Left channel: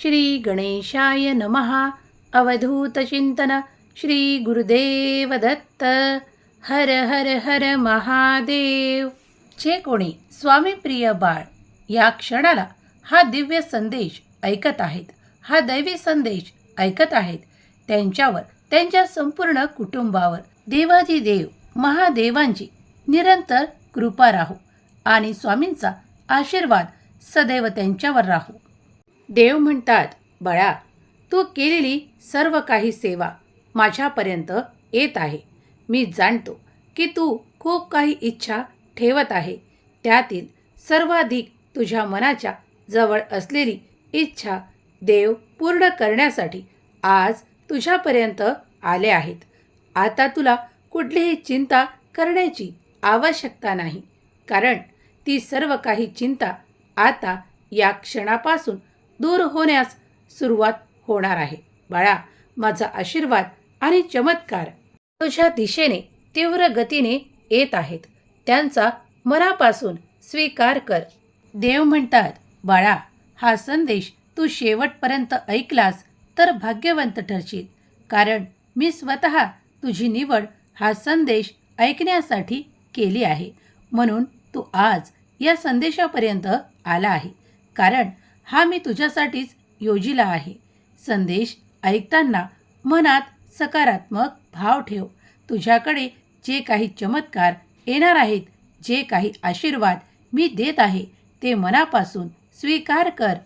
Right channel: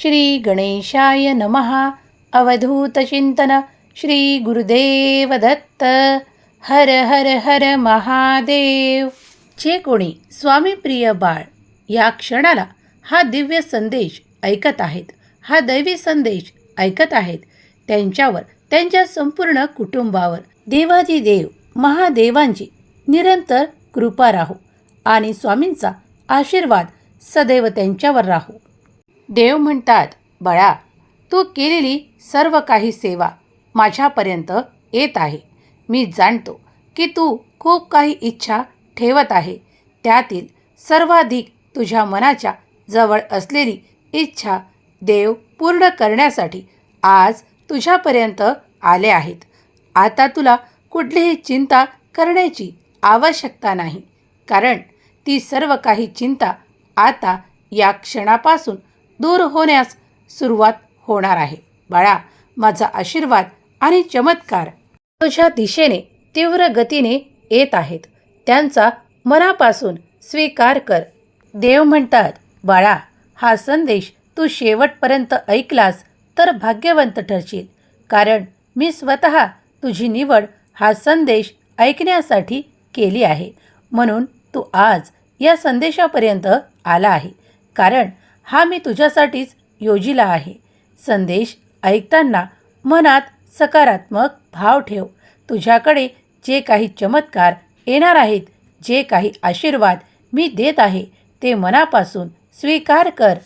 श्री गणेशाय नमः अवधूतचिंतन श्री गुरुदेव दत्त। हर हर हर महादेव। जे कोणी स्वामीप्रिय बाळ या क्षणाला हा दिव्य संदेश ऐकत आहेत हा दैवी संदेश ऐकत आहेत त्यांच्यावर त्यांच्या संपूर्ण कुटुंबावर देवादिदेव महादेवांची निरंतर कृपा राहो आणि स्वामींचा आशीर्वाद सदैव त्यांच्यावर राहो. देव म्हणतात बळा तू केलेली सर्व काही सेवा माझ्यापर्यंत येत आहे. मी जाणतो की तू खूप काही इच्छा ठेवत आहे. त्यातील सर्वाधिक तुझ्या मनाच्या जवळ असलेली इच्छा देव पूर्ण करण्यासाठी आज तुझ्यापर्यंत आले आहेत. आता तुला कुठलीही चिंता करण्याची आवश्यकता नाही. कारण ती सर्व काही चिंता आता या क्षणापासून दूर होण्यास सुरुवात होणार आहे. बाळा माझा आशीर्वाद आणि चमत्कार तुझ्या दिशेने तीव्र गतीने येत आहेत. त्यांचा मनापासून स्वीकार कर. देव म्हणतात बाळा हा संदेश तू शेवटपर्यंत ऐकलास तर भाग्यवंत ठरशील. कारण मी स्वतः तुझी निवड हा संदेश ऐकण्यासाठी केली आहे. म्हणून तू आज या संदेशापर्यंत आला आहे. कारण हा मी तुझ्यासाठीच योजिला आहे. संदेश ऐकताना मनात सकारात्मक भाव ठेव. तुझ्याकडे जे काही चमत्कार येणार आहेत जे काही आशीर्वाद मी देत आहे ते मनापासून स्वीकार कर.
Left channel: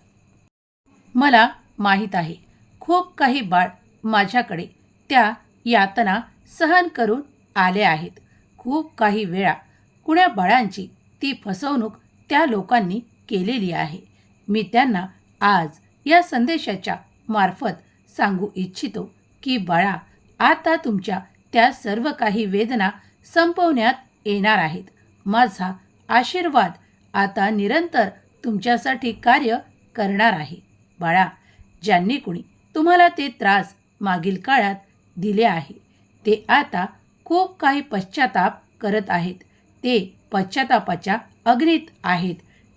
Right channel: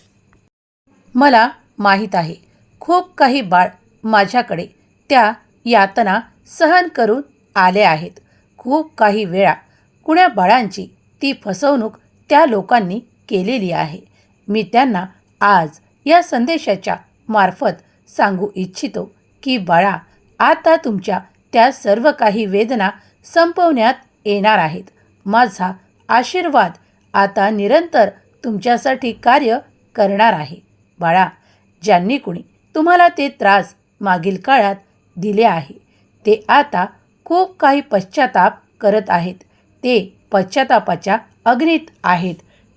मला माहीत आहे खूप काही बाळ माझ्याकडे त्या यातना सहन करून आले आहेत. खूप काही वेळा कुण्या बाळांची ती फसवणूक त्या लोकांनी केलेली आहे. मी त्यांना आज या संदेशाच्या मार्फत सांगू इच्छितो की बाळा आता तुमच्या त्या सर्व काही वेदना संपवण्यात येणार आहेत. माझा आशीर्वाद आता निरंतर तुमच्यासाठी कार्य करणार आहे. बाळा ज्यांनी कुणी तुम्हाला ते त्रास मागील काळात दिले आहे ते आता खूप काही पश्चाताप करत आहेत. ते पश्चातापाच्या अग्नीत आहेत.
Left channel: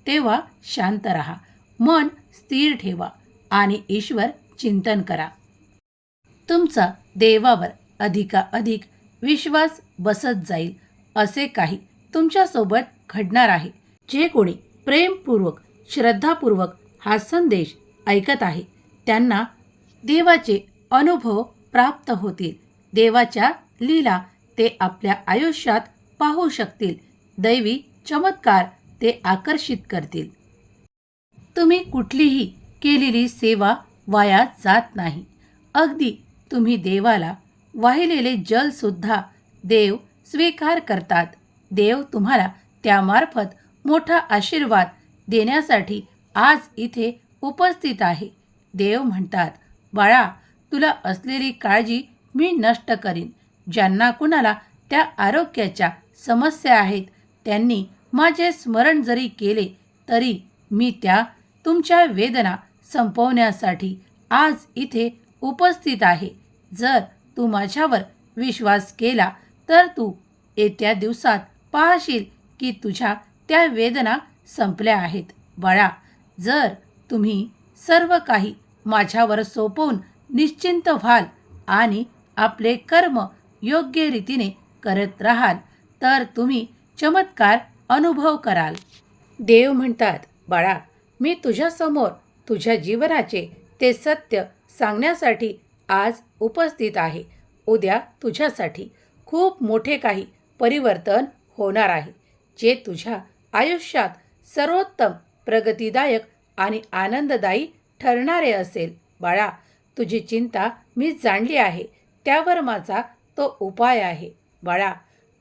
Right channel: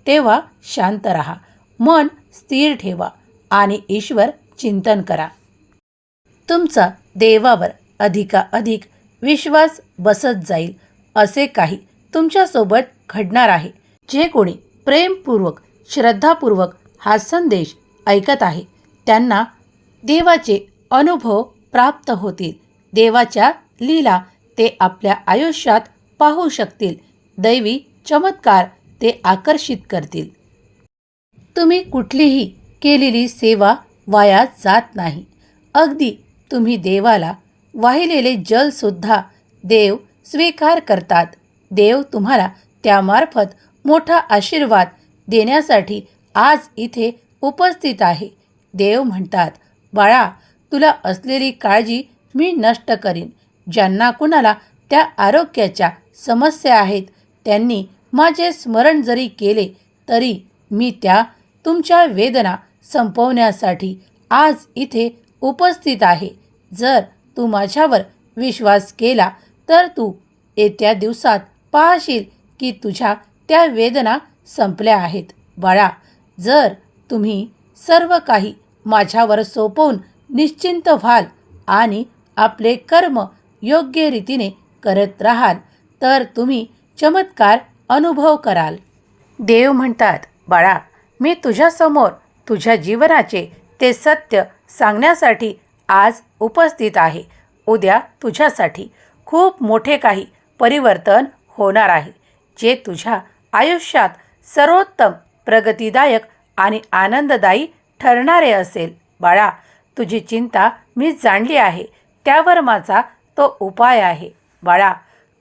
तेव्हा शांत रहा. मन स्थिर ठेवा आणि ईश्वर चिंतन करा. तुमचा देवावर अधिकाधिक विश्वास बसत जाईल असे काही तुमच्यासोबत घडणार आहे जे कोणी प्रेमपूर्वक श्रद्धापूर्वक हा संदेश ऐकत आहे. त्यांना देवाचे अनुभव प्राप्त होतील. देवाच्या लीला ते आपल्या आयुष्यात पाहू शकतील. दैवी चमत्कार ते आकर्षित करतील. तुम्ही कुठलीही केलेली सेवा वाया जात नाही. अगदी तुम्ही देवाला वाहिलेले जलसुद्धा देव स्वीकार करतात. देव तुम्हाला त्यामार्फत मोठा आशीर्वाद देण्यासाठी आज इथे उपस्थित आहे. देव म्हणतात बाळा तुला असलेली काळजी मी नष्ट करीन. ज्यांना कुणाला त्या आरोग्याच्या समस्या आहेत त्यांनी माझे स्मरण जरी केले तरी मी त्या तुमच्या वेदना संपवण्यासाठी आज इथे उपस्थित आहे. जर तू माझ्यावर विश्वास केला तर तू येत्या दिवसात पाहशील की तुझ्या त्या वेदना संपल्या आहेत. बाळा जर तुम्ही सर्व काही माझ्यावर सोपवून निश्चिंत व्हाल आणि आपले कर्म योग्य रीतीने करत राहाल तर तुम्ही चमत्कार अनुभव कराल. देव म्हणतात बाळा मी तुझ्यासमोर तुझ्या जीवनाचे ते सत्य सांगण्यासाठी आज उपस्थित आहे. उद्या तुझ्यासाठी खूप मोठे काही परिवर्तन होणार आहे जे तुझ्या आयुष्यात सर्वोत्तम प्रगतीदायक आणि आनंददायी ठरणारे असेल. बाळा तुझी चिंता मी जाणली आहे त्यावर माझा तो उपाय आहे. बाळा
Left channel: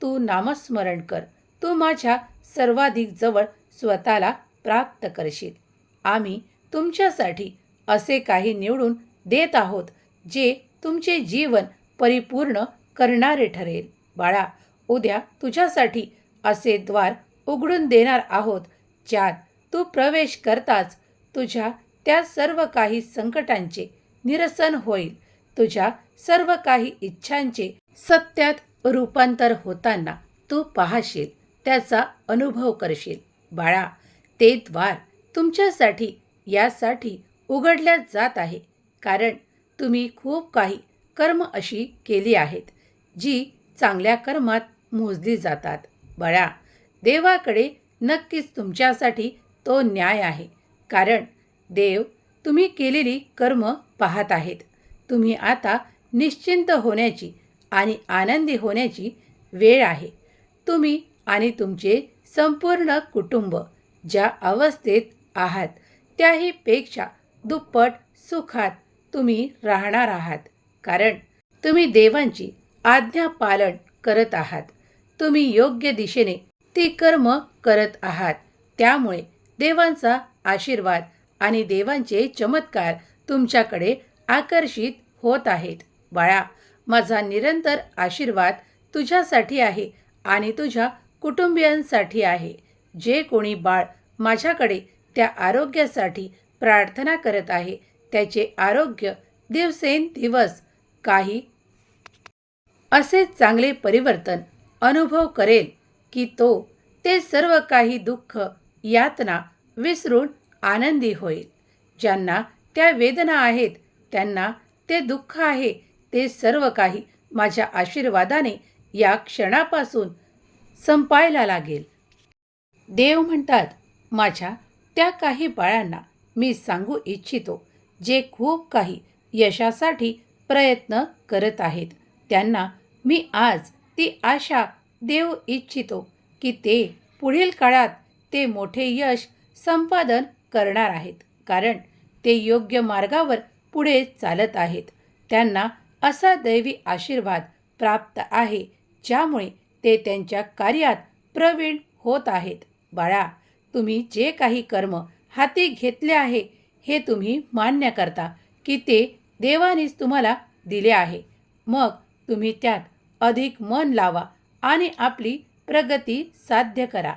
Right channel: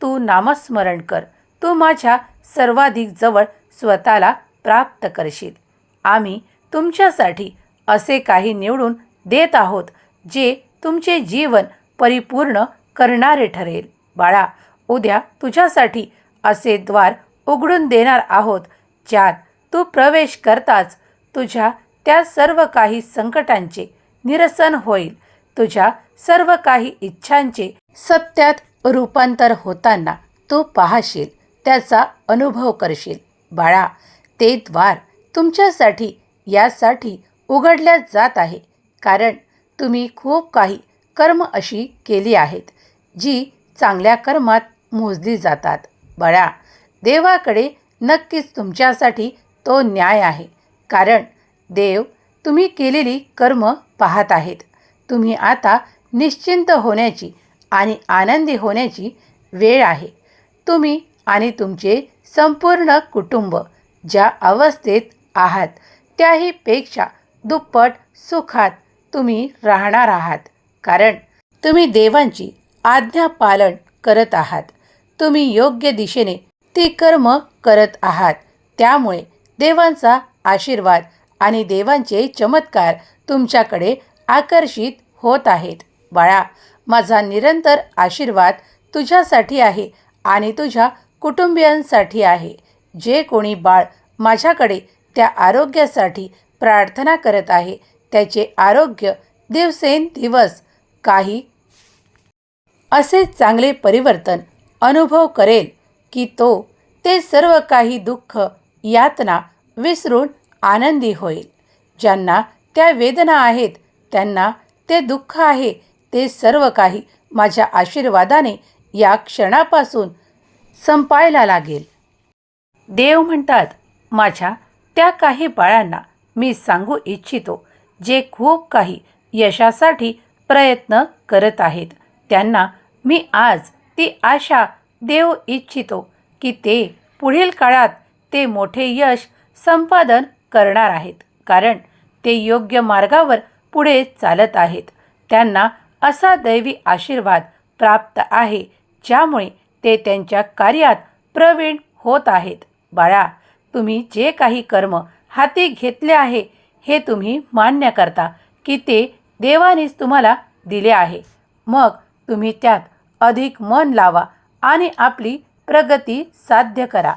तू नामस्मरण कर. तू माझ्या सर्वाधिक जवळ स्वतःला प्राप्त करशील. आम्ही तुमच्यासाठी असे काही निवडून देत आहोत जे तुमचे जीवन परिपूर्ण करणारे ठरेल. बाळा उद्या तुझ्यासाठी असे द्वार उघडून देणार आहोत ज्यात तू प्रवेश करताच तुझ्या त्या सर्व काही संकटांचे निरसन होईल. तुझ्या सर्व काही इच्छांचे सत्यात रूपांतर होताना तू पाहशील त्याचा अनुभव करशील. बाळा ते द्वार तुमच्यासाठी यासाठी उघडल्या जात आहे. कारण तुम्ही खूप काही कर्म अशी केली आहेत जी चांगल्या कर्मात मोजली जातात. बळा देवाकडे नक्कीच तुमच्यासाठी तो न्याय आहे. कारण देव तुम्ही केलेली कर्म पाहत आहेत. तुम्ही आता निश्चिंत होण्याची आणि आनंदी होण्याची वेळ आहे. तुम्ही आणि तुमचे संपूर्ण कुटुंब ज्या अवस्थेत आहात. त्याहीपेक्षा दुप्पट सुखात तुम्ही राहणार आहात. कारण तुम्ही देवांची आज्ञा पालन करत आहात. तुम्ही योग्य दिशेने ती कर्म करत आहात. त्यामुळे देवांचा आशीर्वाद आणि देवांचे चमत्कार तुमच्याकडे आकर्षित होत आहेत. बाळा माझा निरंतर आशीर्वाद तुझ्यासाठी आहे आणि तुझ्या कुटुंबियांसाठी आहे. जे कोणी बाळ माझ्याकडे त्या आरोग्यासाठी प्रार्थना करत आहे. त्याचे आरोग्य दिवसेंदिवस काही असे चांगले परिवर्तन अनुभव करेल की तो ते सर्व काही दुःख यातना विसरून आनंदी होईल. ज्यांना त्या वेदना आहेत त्यांना ते दुःख आहे ते सर्व काही माझ्या आशीर्वादाने या क्षणापासून संपायला लागेल. देव म्हणतात माझ्या त्या काही बाळांना मी सांगू इच्छितो जे खूप काही यशासाठी प्रयत्न करत आहेत. त्यांना मी आज ती आशा देऊ इच्छितो की ते पुढील काळात ते मोठे यश संपादन करणार आहेत कारण ते योग्य मार्गावर पुढे चालत आहेत. त्यांना असा दैवी आशीर्वाद प्राप्त आहे ज्यामुळे ते त्यांच्या कार्यात प्रवीण होत आहेत. बाळा तुम्ही जे काही कर्म हाती घेतले आहे हे तुम्ही मान्य करता की ते देवानेच तुम्हाला दिले आहे. मग तुम्ही त्यात अधिक मन लावा आणि आपली प्रगती साध्य करा.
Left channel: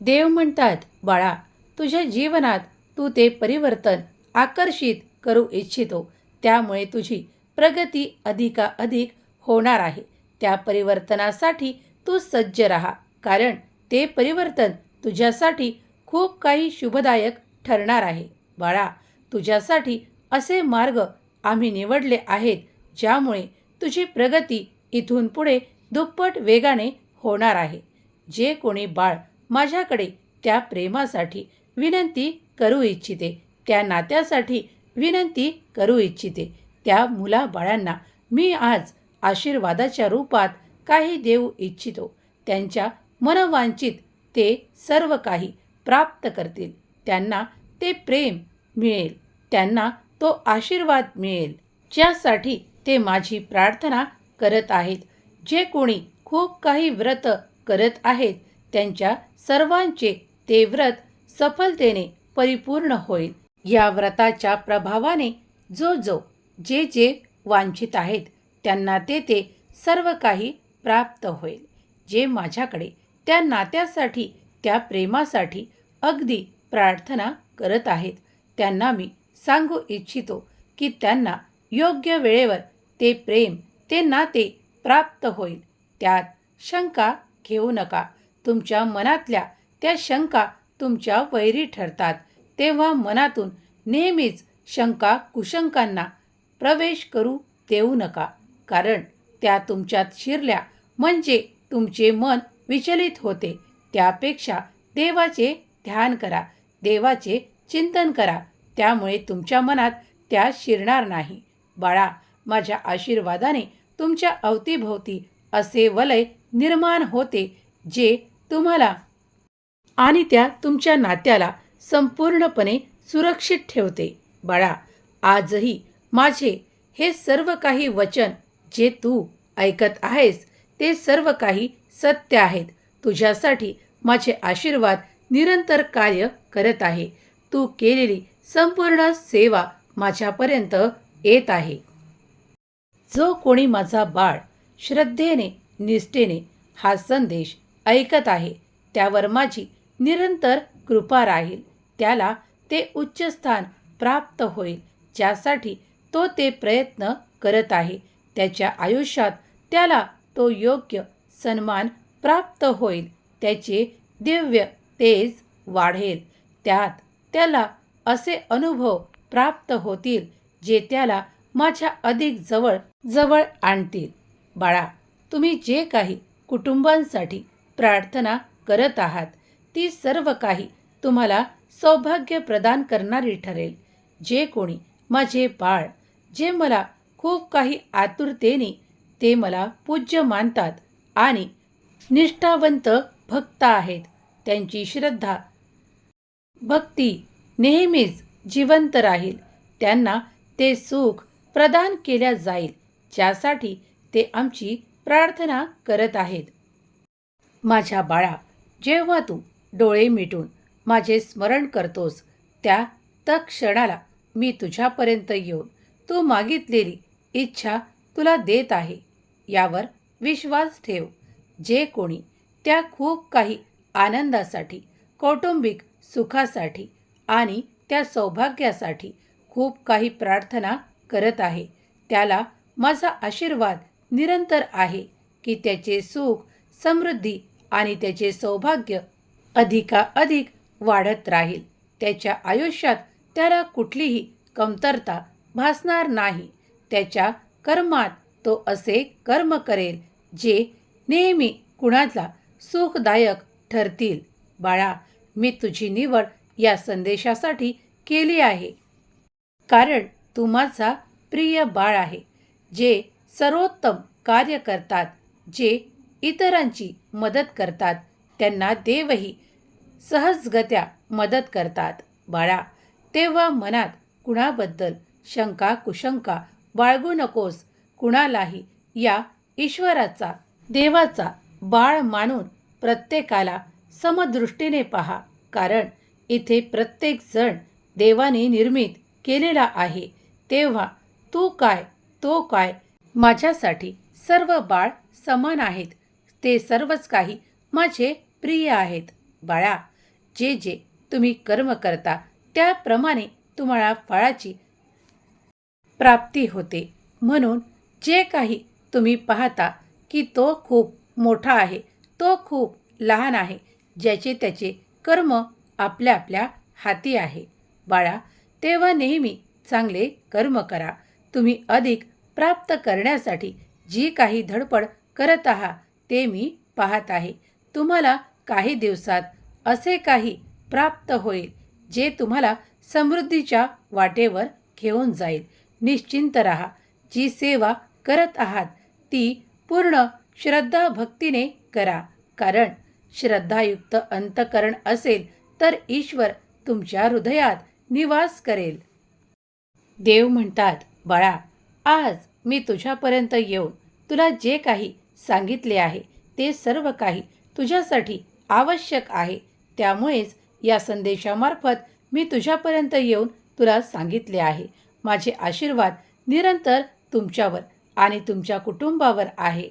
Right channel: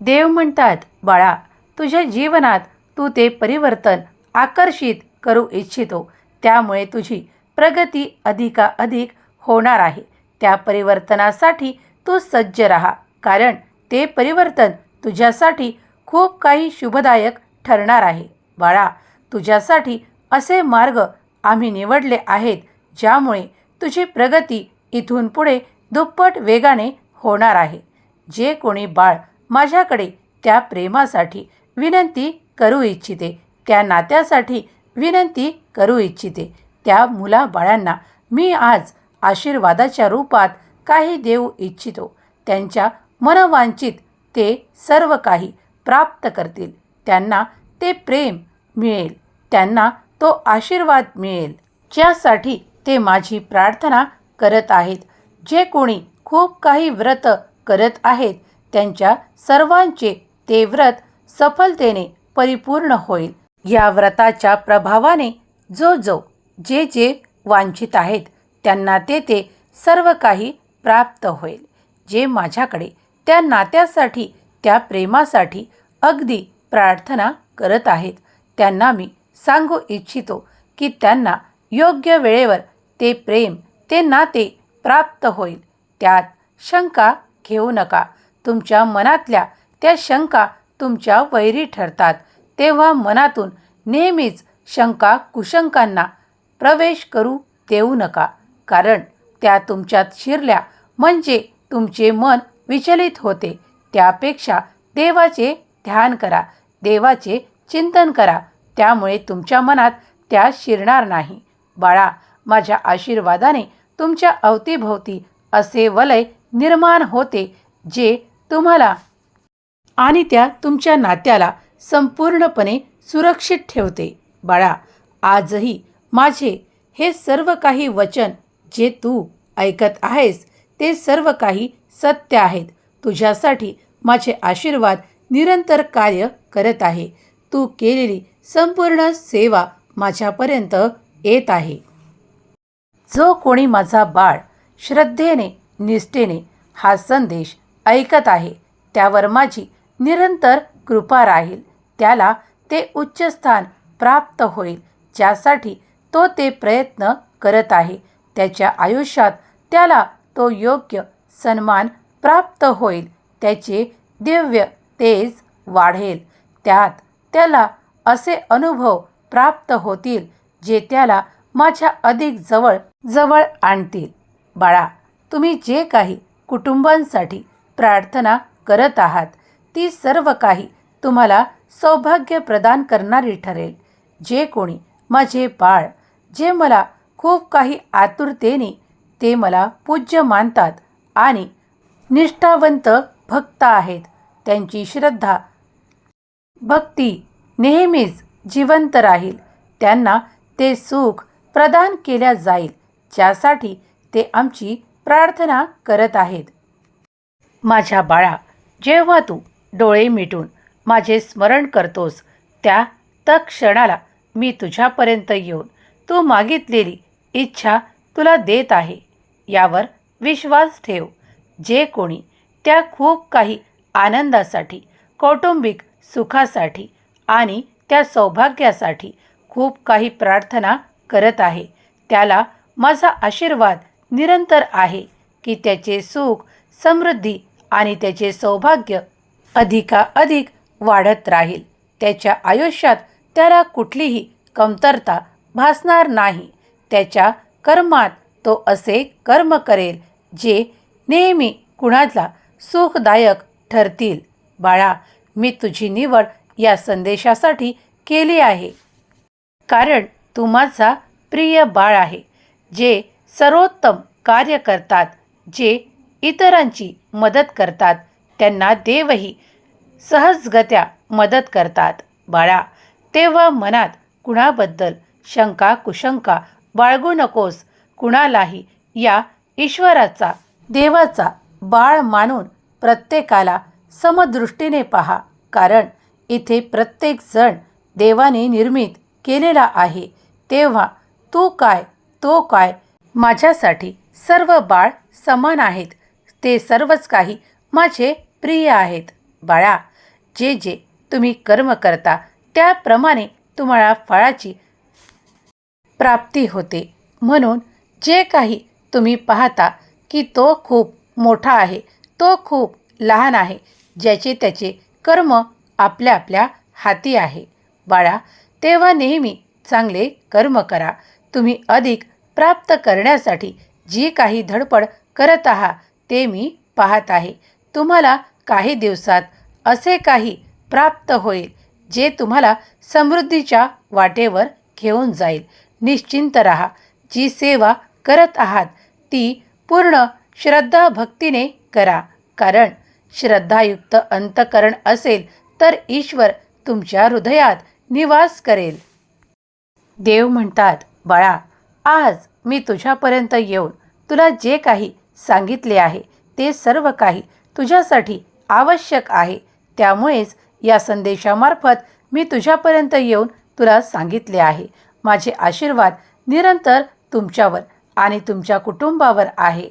देव म्हणतात बाळा तुझ्या जीवनात तू ते परिवर्तन आकर्षित करू इच्छितो. त्यामुळे तुझी प्रगती अधिकाधिक होणार आहे. त्या परिवर्तनासाठी तू सज्ज राहा कारण ते परिवर्तन तुझ्यासाठी खूप काही शुभदायक ठरणार आहे. बाळा तुझ्यासाठी असे मार्ग आम्ही निवडले आहेत ज्यामुळे तुझी प्रगती इथून पुढे दुप्पट वेगाने होणार आहे. जे कोणी बाळ माझ्याकडे त्या प्रेमासाठी विनंती करू इच्छिते त्या नात्यासाठी विनंती करू इच्छिते त्या मुलाबाळांना मी आज आशीर्वादाच्या रूपात काही देऊ इच्छितो. त्यांच्या मनवांचित ते सर्व काही प्राप्त करतील. त्यांना ते प्रेम मिळेल. त्यांना तो आशीर्वाद मिळेल. ज्यासाठी ते माझी प्रार्थना करत आहेत. जे कोणी खूप काही व्रत करत आहेत त्यांच्या सर्वांचे ते व्रत सफलतेने परिपूर्ण होईल. या व्रताच्या प्रभावाने जो जो जे जे वांछित आहेत त्यांना ते ते सर्व काही प्राप्त होईल. जे माझ्याकडे त्या नात्यासाठी त्या प्रेमासाठी अगदी प्रार्थना करत आहेत. त्यांना मी सांगू इच्छितो की त्यांना योग्य वेळेवर ते प्रेम ते नाते प्राप्त होईल. त्यात शंका घेऊ नका. तुमच्या मनातल्या त्या शंका तुमच्या वैरी ठरतात. तेव्हा मनातून नेहमीच शंका कुशंकांना प्रवेश करू देऊ नका. कारण त्या तुमच्यात शिरल्या म्हणजे तुमचे मन विचलित होते. त्यापेक्षा देवाचे ध्यान करा. देवाचे चिंतन करा. त्यामुळे तुमच्या मनात त्या शिरणार नाही. बाळा माझ्या आशीर्वादाने तुमच्या अवतीभोवती असे वलय निर्माण होते जे तुम्हाला आणि त्या तुमच्या नात्याला संपूर्णपणे सुरक्षित ठेवते. बाळा आजही माझे हे सर्व काही वचन जे तू ऐकत आहेस ते सर्व काही सत्य आहेत. तुझ्यासाठी माझे आशीर्वाद निरंतर कार्य करत आहे. तू केलेली संपूर्ण सेवा माझ्यापर्यंत येत आहे. जो कोणी माझा बाळ श्रद्धेने निष्ठेने हा संदेश ऐकत आहे त्यावर माझी निरंतर कृपा राहील. त्याला ते उच्च स्थान प्राप्त होईल ज्यासाठी तो ते प्रयत्न करत आहे. त्याच्या आयुष्यात त्याला तो योग्य सन्मान प्राप्त होईल. त्याचे दिव्य तेज वाढेल. त्यात त्याला असे अनुभव प्राप्त होतील जे त्याला माझ्या अधिक जवळ जवळ आणतील. बाळा तुम्ही जे काही कुटुंबांसाठी प्रार्थना करत आहात ती सर्व काही तुम्हाला सौभाग्य प्रदान करणारी ठरेल. जे कोणी माझे बाळ जे मला खूप काही आतुरतेने ते मला पूज्य मानतात आणि निष्ठावंत भक्त आहेत. त्यांची श्रद्धा भक्ती नेहमीच जिवंत राहील. त्यांना ते सुख प्रदान केल्या जाईल ज्यासाठी ते आमची प्रार्थना करत आहेत. माझ्या बाळा जेव्हा तू डोळे मिटून माझे स्मरण करतोस त्या तत्क्षणाला मी तुझ्यापर्यंत येऊन तू मागितलेली इच्छा तुला देत आहे. यावर विश्वास ठेव. जे कोणी त्या खूप काही आनंदासाठी कौटुंबिक सुखासाठी आणि त्या सौभाग्यासाठी खूप काही प्रार्थना करत आहे त्याला माझा आशीर्वाद निरंतर आहे की त्याचे सुख समृद्धी आणि त्याचे सौभाग्य अधिकाधिक वाढत राहील. त्याच्या आयुष्यात त्याला कुठलीही कमतरता भासणार नाही. त्याच्या कर्मात तो असे कर्म करेल जे नेहमी कुणाला सुखदायक ठरतील. बाळा मी तुझी निवड या संदेशासाठी केली आहे. कारण तू माझा प्रिय बाळ आहे जे सर्वोत्तम कार्य करतात जे इतरांची मदत करतात. त्यांना देवही सहजगत्या मदत करतात. बाळा तेव्हा मनात कुणाबद्दल शंका कुशंका बाळगू नकोस. कुणालाही या ईश्वराचा देवाचा बाळ मानून प्रत्येकाला समदृष्टीने पहा. कारण इथे प्रत्येक जण देवाने निर्मित केलेला आहे. तेव्हा तू काय तो काय माझ्यासाठी सर्व बाळ समान आहेत. ते सर्वच काही माझे प्रिय आहेत. बाळा जे जे तुम्ही कर्म करता त्याप्रमाणे तुम्हाला फळाची प्राप्ती होते. म्हणून जे काही तुम्ही पाहता की तो खूप मोठा आहे तो खूप लहान आहे ज्याचे त्याचे कर्म आपल्या आपल्या हाती आहे. बाळा तेव्हा नेहमी चांगले कर्म करा. तुम्ही अधिक प्राप्त करण्यासाठी जी काही धडपड करत आहात ते मी पाहत आहे. तुम्हाला काही दिवसात असे काही प्राप्त होईल जे तुम्हाला समृद्धीच्या वाटेवर घेऊन जाईल. निश्चिंत रहा. जी सेवा करत आहात ती पूर्ण श्रद्धा भक्तीने करा. कारण श्रद्धायुक्त अंतकरण असेल तर ईश्वर तुमच्या हृदयात निवास करेल. देव म्हणतात बाळा आज मी तुझ्यापर्यंत येऊन तुला जे काही सांगितले आहे ते सर्व काही तुझ्यासाठी आवश्यक आहे. त्यामुळेच या संदेशामार्फत मी तुझ्यापर्यंत येऊन तुला सांगितले आहे. माझे आशीर्वाद निरंतर तुमच्यावर आणि तुमच्या कुटुंबावर आहे.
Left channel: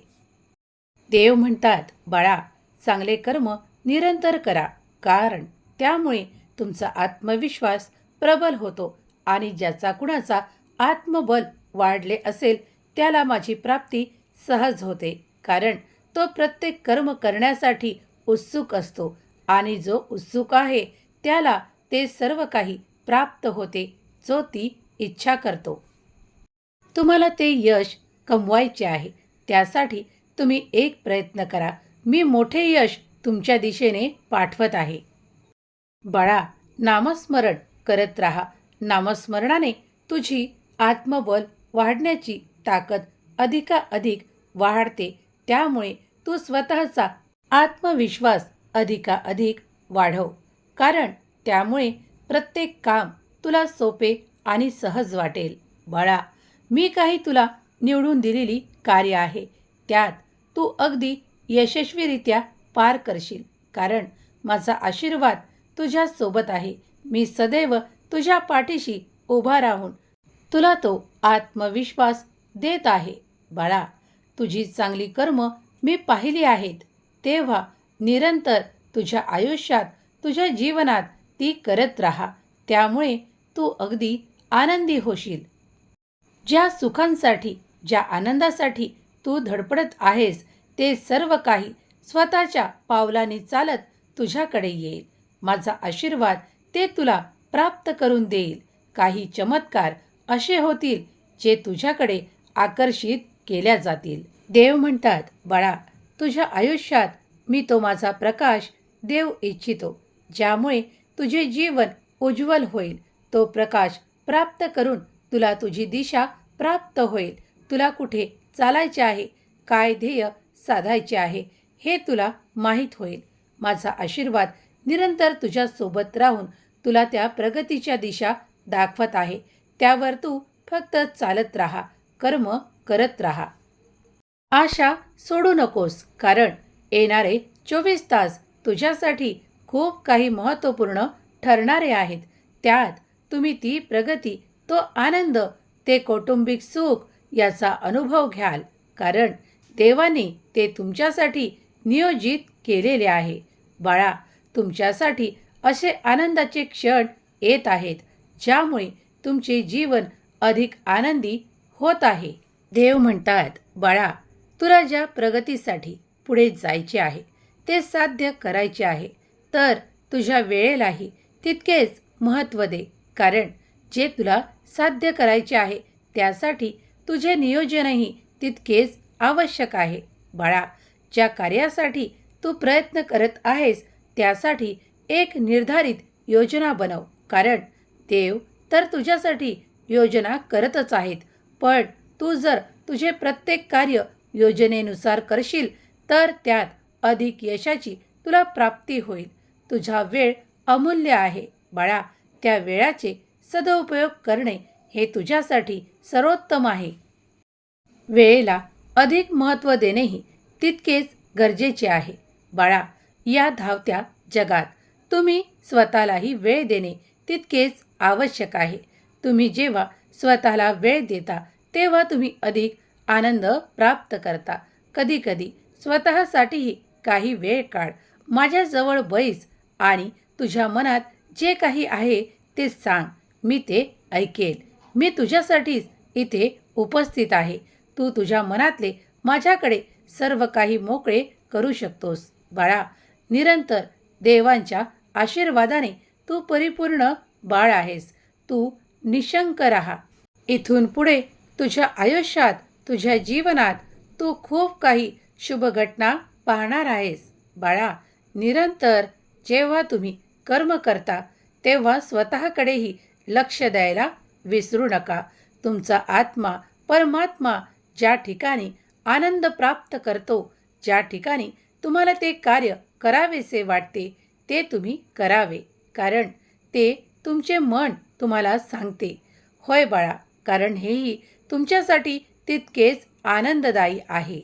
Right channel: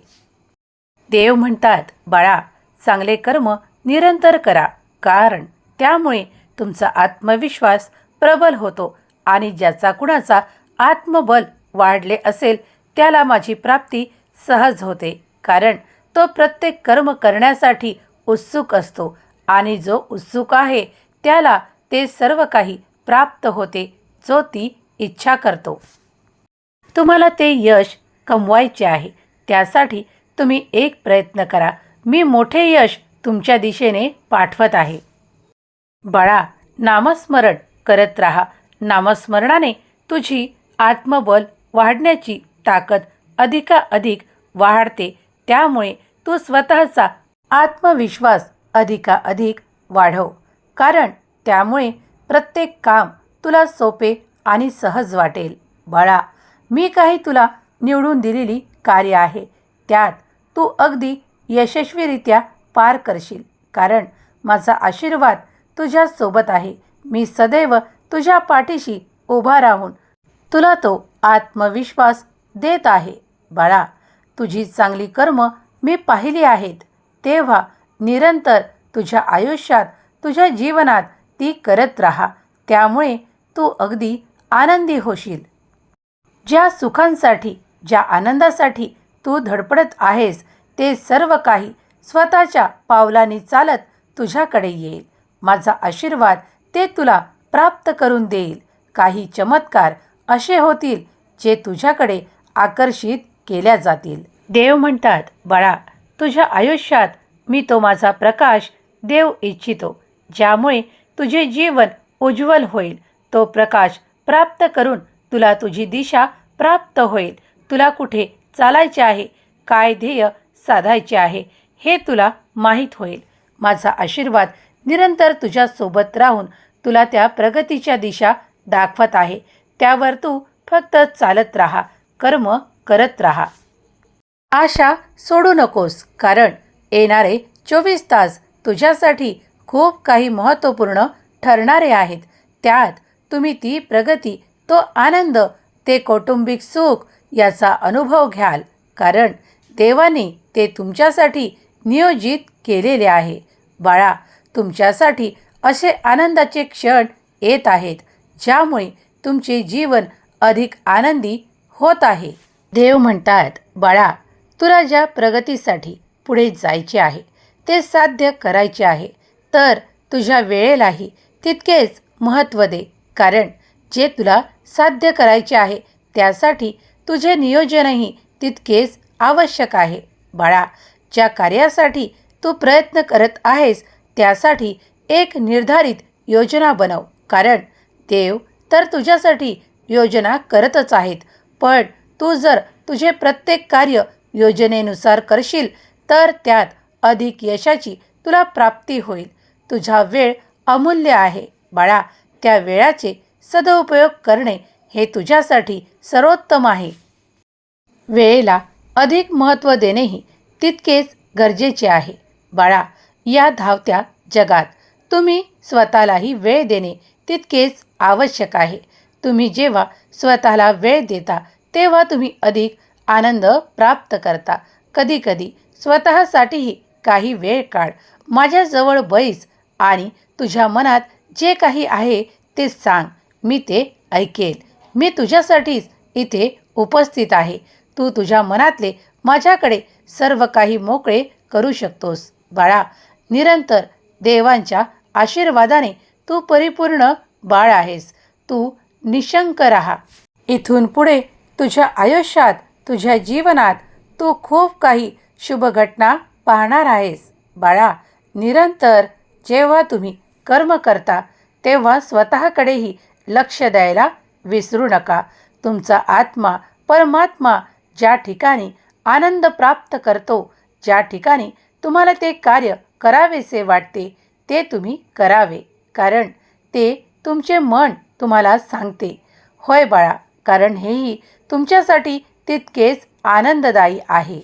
देव म्हणतात बाळा चांगले कर्म निरंतर करा कारण त्यामुळे तुमचा आत्मविश्वास प्रबल होतो आणि ज्याचा कुणाचा आत्मबल वाढले असेल त्याला माझी प्राप्ती सहज होते कारण तो प्रत्येक कर्म करण्यासाठी उत्सुक असतो आणि जो उत्सुक आहे त्याला ते सर्व काही प्राप्त होते जो ती इच्छा करतो. तुम्हाला ते यश कमवायचे आहे. त्यासाठी तुम्ही एक प्रयत्न करा. मी मोठे यश तुमच्या दिशेने पाठवत आहे. बाळा नामस्मरण करत राहा. नामस्मरणाने तुझी आत्मबल वाढण्याची ताकद अधिकाधिक वाढते. त्यामुळे तू स्वतःचा आत्मविश्वास अधिकाधिक वाढव. कारण त्यामुळे प्रत्येक काम तुला सोपे आणि सहज वाटेल. बाळा मी काही तुला निवडून दिलेली कार्य आहे. त्यात तू अगदी यशस्वीरित्या पार करशील. कारण माझा आशीर्वाद तुझ्यासोबत आहे. मी सदैव तुझ्या पाठीशी उभा राहून तुला तो आत्मविश्वास देत आहे. बाळा तुझी चांगली कर्म मी पाहिली आहेत. तेव्हा निरंतर तुझ्या आयुष्यात तुझ्या जीवनात ती करत राहा. त्यामुळे तू अगदी आनंदी होशील. ज्या सुखांसाठी ज्या आनंदासाठी तू धडपडत आहेस ते सर्व काही स्वतःच्या पावलांनी चालत तुझ्याकडे येईल. माझा आशीर्वाद ते तुला प्राप्त करून देईल. काही चमत्कार असे होतील जे तुझ्याकडे आकर्षित केल्या जातील. देव म्हणतात बाळा तुझ्या आयुष्यात मी तो माझा प्रकाश देव इच्छितो. ज्यामुळे तुझे जीवन उज्ज्वल होईल तो प्रकाश प्राप्त करून तुला तुझी दिशा प्राप्त होईल. तुला कुठे चालायचे आहे? काय ध्येय साधायचे आहे? हे तुला माहीत होईल. माझा आशीर्वाद निरंतर तुझ्यासोबत राहून तुला त्या प्रगतीच्या दिशा दाखवत आहे. त्यावर तू फक्त चालत राहा कर्म करत राहा. आशा सोडू नकोस कारण येणारे चोवीस तास तुझ्यासाठी खूप काही महत्त्वपूर्ण ठरणारे आहेत. त्यात तुम्ही ती प्रगती तो आनंद ते कौटुंबिक सुख याचा अनुभव घ्याल. कारण देवाने ते तुमच्यासाठी नियोजित केलेले आहे. बाळा तुमच्यासाठी असे आनंदाचे क्षण येत आहेत ज्यामुळे तुमचे जीवन अधिक आनंदी होत आहे. देव म्हणतात बाळा तुला ज्या प्रगतीसाठी पुढे जायचे आहे ते साध्य करायचे आहे. तर तुझ्या वेळेलाही तितकेच महत्त्व दे. कारण जे तुला साध्य करायचे आहे त्यासाठी तुझे नियोजनही तितकेच आवश्यक आहे. बाळा ज्या कार्यासाठी तू प्रयत्न करत आहेस त्यासाठी एक निर्धारित योजना बनव. कारण देव तर तुझ्यासाठी योजना करतच आहेत. पण तू जर तुझे प्रत्येक कार्य योजनेनुसार करशील तर त्यात अधिक यशाची तुला प्राप्ती होईल. तुझा वेळ अमूल्य आहे. बाळा त्या वेळाचे सदुपयोग करणे हे तुझ्यासाठी सर्वोत्तम आहे. वेळेला अधिक महत्त्व देणेही तितकेच गरजेचे आहे. बाळा या धावत्या जगात तुम्ही स्वतःलाही वेळ देणे तितकेच आवश्यक आहे. तुम्ही जेव्हा स्वतःला वेळ देता तेव्हा तुम्ही अधिक आनंद प्राप्त करता. कधीकधी स्वतःसाठीही काही वेळ काढ. माझ्याजवळ बैस आणि तुझ्या मनात जे काही आहे ते सांग. मी ते ऐकेल. मी तुझ्यासाठीच इथे उपस्थित आहे. तू तुझ्या मनातले माझ्याकडे सर्व काही मोकळे करू शकतोस. बाळा निरंतर देवांच्या आशीर्वादाने तू परिपूर्ण बाळ आहेस. तू निशंक राहा. इथून पुढे तुझ्या आयुष्यात तुझ्या जीवनात तू खूप काही शुभ घटना पाहणार आहेस. बाळा निरंतर जेव्हा तुम्ही कर्म करता तेव्हा स्वतःकडेही लक्ष द्यायला विसरू नका. तुमचा आत्मा परमात्मा ज्या ठिकाणी आनंद प्राप्त करतो ज्या ठिकाणी तुम्हाला ते कार्य करावेसे वाटते ते तुम्ही करावे. कारण ते तुमचे मन तुम्हाला सांगते. होय बाळा कारण हेही तुमच्यासाठी तितकेच आनंददायी आहे.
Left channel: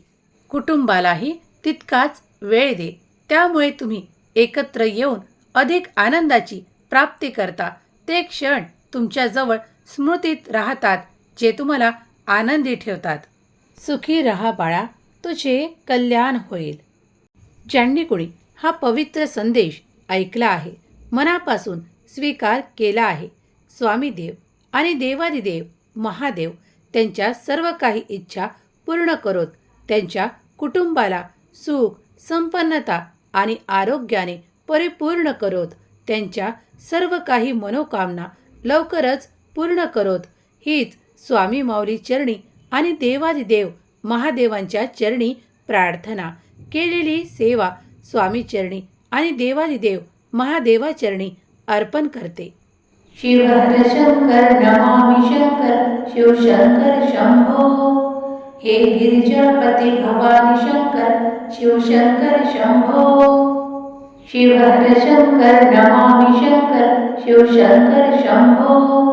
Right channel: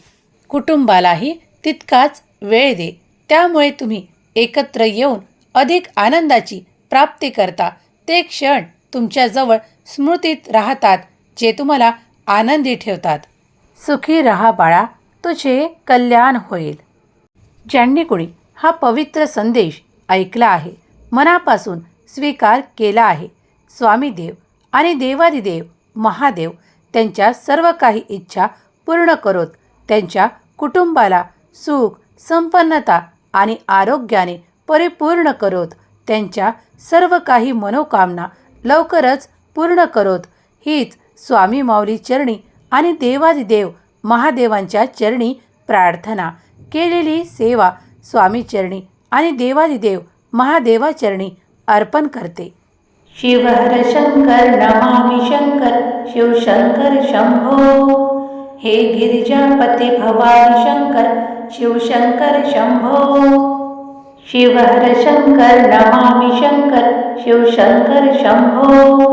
कुटुंबालाही तितकाच वेळ दे. त्यामुळे तुम्ही एकत्र येऊन अधिक आनंदाची प्राप्ती करता. ते क्षण तुमच्याजवळ स्मृतीत राहतात जे तुम्हाला आनंदी ठेवतात. सुखी रहा बाळा तुझे कल्याण होईल. ज्यांनी कोणी हा पवित्र संदेश ऐकला आहे. मनापासून स्वीकार केला आहे. स्वामी देव आणि देवादिदेव महादेव त्यांच्या सर्व काही इच्छा पूर्ण करोत. त्यांच्या कुटुंबाला सुख संपन्नता आणि आरोग्याने परिपूर्ण करोत. त्यांच्या सर्व काही मनोकामना लवकरच पूर्ण करोत. हीच स्वामी माऊली चरणी आणि देवादिदेव महादेवांच्या चरणी प्रार्थना. केलेली सेवा स्वामी चरणी आणि देवादिदेव महादेवाचरणी अर्पण करते. शिव हर शंकर नमामि शंकर शिवशंकर शंभो. हे गिरिजापती भवानी शंकर शिवशंकर शंभो. शिव हर शंकर नमामि शंकर शिवशंकर शंभो.